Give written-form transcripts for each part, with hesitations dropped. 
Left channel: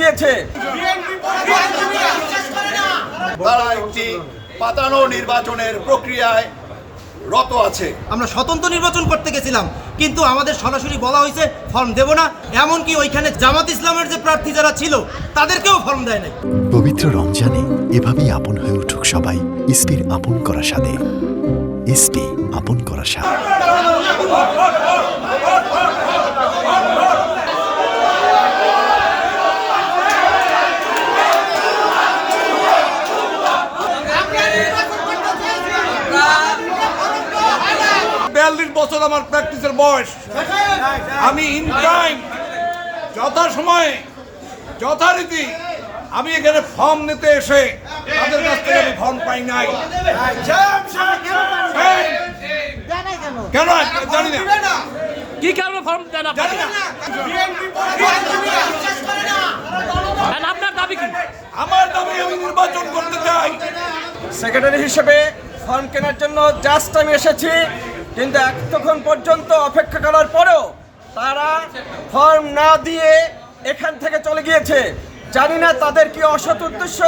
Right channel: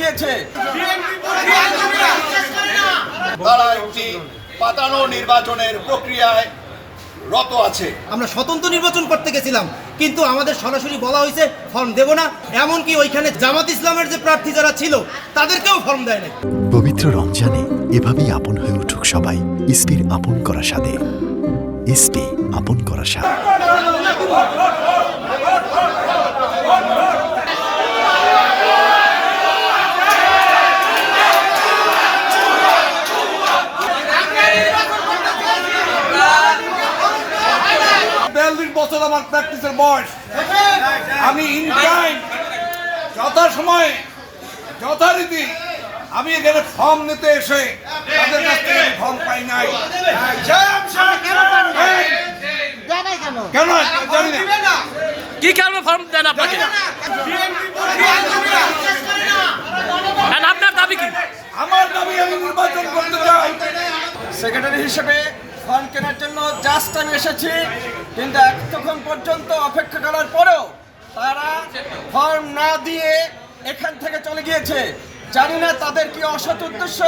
গিয়েছে। তারা একটি পাতানো নির্বাচনের প্রক্রিয়ায় রত আছে। আমরা স্বতন্ত্র নির্বাচন করতে গেছিলাম, কিন্তু আমাদের সরাসরি বলা হয়েছে ফর্ম দেব না। এমনকি ওইখানে জামাত ইসলামের যে প্রার্থী যারা ছিল তাদেরকেও ফর্ম দেয় নাই। পবিত্র রমজানে এভাবেই আপন হয়ে উঠুক সবাই ইসপির আপন করা স্বাদে। ইসপি আপন করা স্বাদ। বছর আমার প্র্যাকটিসের বয়স। আমি ইন টাইম যথাসময়ে যথারীতি আমি এখানে ফর্ম নিতে এসে তাদের কাছ থেকে আমি ফর্ম পাই নাই। কেন জানি না কি কারণে ফর্ম দেন আপনাকে? আপনার দাবি কি? আমার দাবি আমি নির্বাচন করতে চাই। সেক্রেটারি হিসেবে ফর্ম কেনার জন্য জাস্ট আমি এসেছি, কিন্তু এতক্ষণ পর্যন্ত অপেক্ষা করার পরেও তারা ফর্ম না দিয়ে এখান থেকে চলে গিয়েছে। জানি না তাদের কি অসৎ উদ্দেশ্য।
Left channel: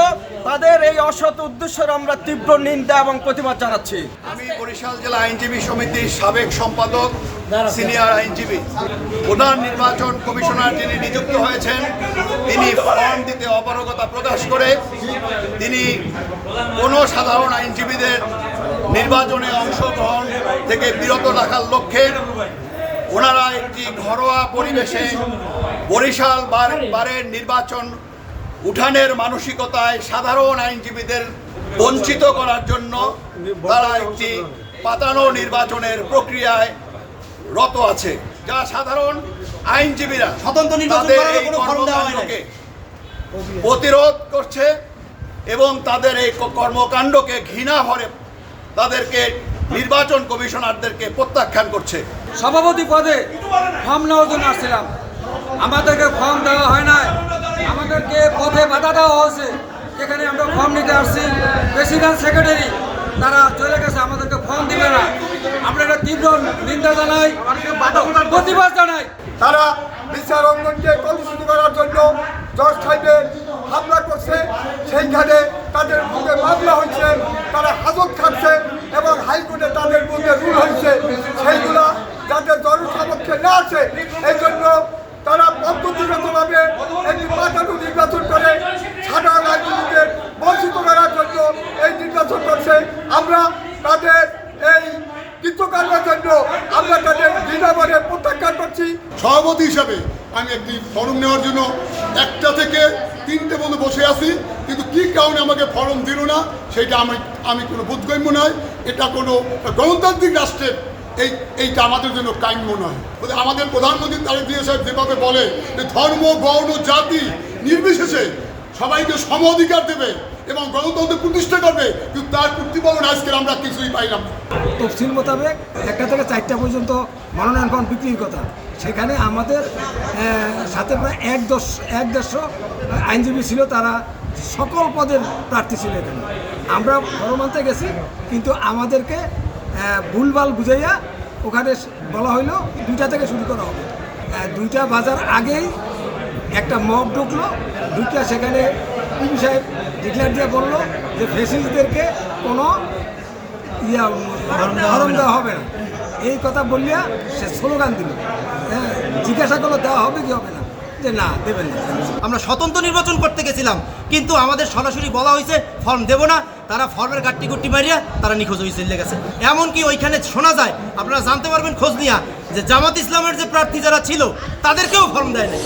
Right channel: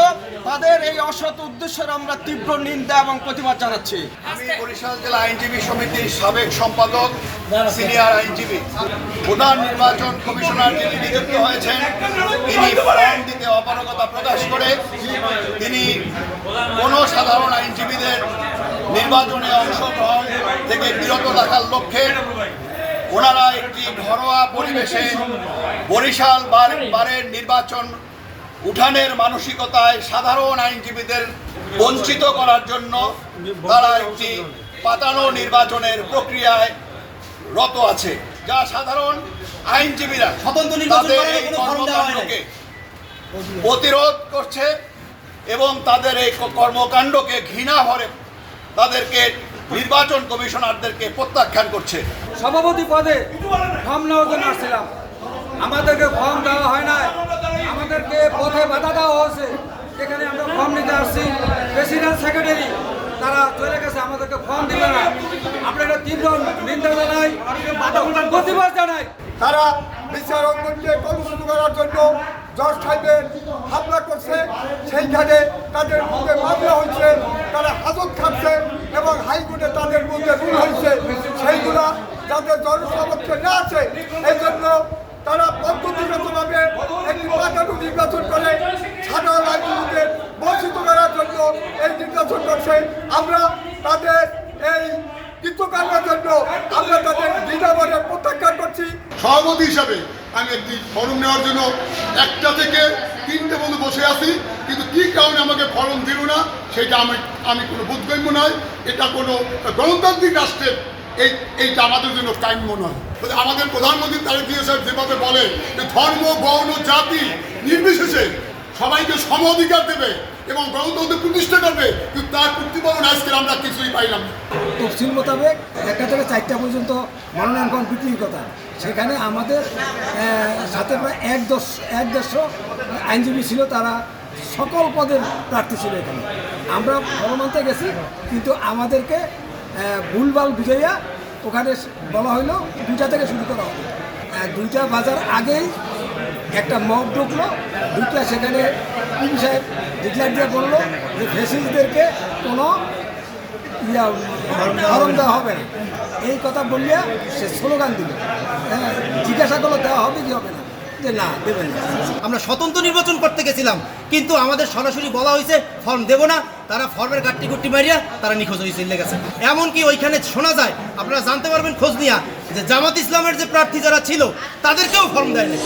তাদের এই অসৎ উদ্দেশ্যের আমরা তীব্র নিন্দা এবং প্রতিবাদ জানাচ্ছি। আমি বরিশাল জেলা আইনজীবী সমিতির সাবেক সম্পাদক, সিনিয়র আইনজীবী। প্রধান নির্বাচন কমিশনার যিনি নিযুক্ত হয়েছেন, তিনি ফর্ম দিতে অপারগতা প্রকাশ করে তিনি কোনো সাধারণ আইনজীবীদের নির্বাচনে অংশগ্রহণ থেকে বিরত রাখার লক্ষ্যে ওনারা একটি ঘরোয়া পরিবেশে বরিশাল বারের নির্বাচন উঠানের মানসিকতায় সাধারণ আইনজীবীদের বঞ্চিত করার জন্য তারা একটি পাতানো নির্বাচনের প্রক্রিয়ায় রত আছে, যা সাধারণ আইনজীবীরা স্বতন্ত্র নির্বাচন করার কোনো ফর্ম দেওয়া হয় নাই। প্রতিরোধ করছে এবং তাদের এই কর্মকাণ্ডকে ঘৃণা ভরে তাদেরকে নির্বাচন কমিশনারদেরকে প্রত্যাখ্যান করছে। সভাপতি পদে ফর্ম নেওয়ার জন্য আসছিলাম, আমাদেরকে ফর্ম দেওয়া হয় নাই, আমাদেরকে পথে বাধা দেওয়া হয়েছে। এখানে আমরা ফর্ম নিতে আসছি, প্রেসিডেন্ট সেক্রেটারি তারা চলে গেছে, আমাদেরকে ফর্ম দিবে না। আমরা এটা তীব্র নিন্দা জানাই, প্রতিবাদ জানাই। তারা বিচার অঙ্গনকে কলুষিত করার জন্য জজ সাহেবের হামলা করছে, সেইখানে তাদের মধ্যে মামলা হয়েছে, তারা হাজত খাচ্ছে এবং হাইকোর্টে তাদের মধ্যে রুল হয়েছে, সেইগুলা যাতে জনসমক্ষে না আসে এই জন্য তারা পদ্ধতিগতভাবে একটি পাতানো নির্বাচন করে সাধারণ আইনজীবীদের বঞ্চিত করার জন্য এই নির্বাচন করছে। আমরা তাদের এই কৃতকার্যের জন্য আমরা তাদের দৃঢ়ভাবে প্রত্যাখ্যান করছি। সভাপতি হিসাবে আমি একটি ফর্ম নেওয়ার জন্য 1টা থেকে 3টে পর্যন্ত বসে আছি, কিন্তু কী কারণে আমাকে ফর্ম দিল না সেটা আমি কোনো বোধগম্য নয়। এটা কোনো গণতান্ত্রিক রাষ্ট্রের এইটা আমাদের জন্য কাম্য নয়। আমাদের প্রধানমন্ত্রী তারেক জিয়া সাহেব যেভাবে বলে যে ধর্ম, বর্ণ, জাতি নির্বিশেষে সবাইকে সম অধিকার দেবে এবং গণতন্ত্র প্রতিষ্ঠা করবে, কিন্তু তার প্রতিপালন আজকে আমরা কিছুই পাইলাম না। তফসিল মোতাবেক 1টা থেকে 4টা পর্যন্ত মনোনয়ন ফর্ম বিক্রির কথা, সেখানে আমাদের সাথে প্রায় 150 আইনজীবী ছিল, তারা সকল পদের প্রার্থী ছিল। এখানে আমরা ফর্ম আনতে গেছি, কিন্তু আমাদেরকে ভুলভাল বুঝাইয়া ওখানে বলা হইলো 2টা থেকে শুরু করা হবে। 2টা বাজার আগেই একটা মব ঢুকলো, ঢুকলে সেখানে পিপি সাহেব ডিক্লেয়ার দিয়ে বললো যে ফেসিলিটিদেরকে কোনো ফর্ম দেওয়া হবে না। এই কথা বললিয়া সে স্লোগান দিল, জিজ্ঞাসা করলো দেওয়া হবে কি হবে না, যে না দেবেন না। আমরা স্বতন্ত্র নির্বাচন করতে গেছিলাম, কিন্তু আমাদের সরাসরি বলা হয়েছে ফর্ম দেব না। তারা ফর্মের গাট্টি গুট্টি মারিয়া তারা নিখোঁজ হয়ে চলে গেছে। এমনকি ওইখানে শোনা যায়, আপনারা জানতে পারবেন খোঁজ নিয়া, যে জামাত ইসলামের যে প্রার্থী যারা ছিল তাদেরকেও ফর্ম দেয় না।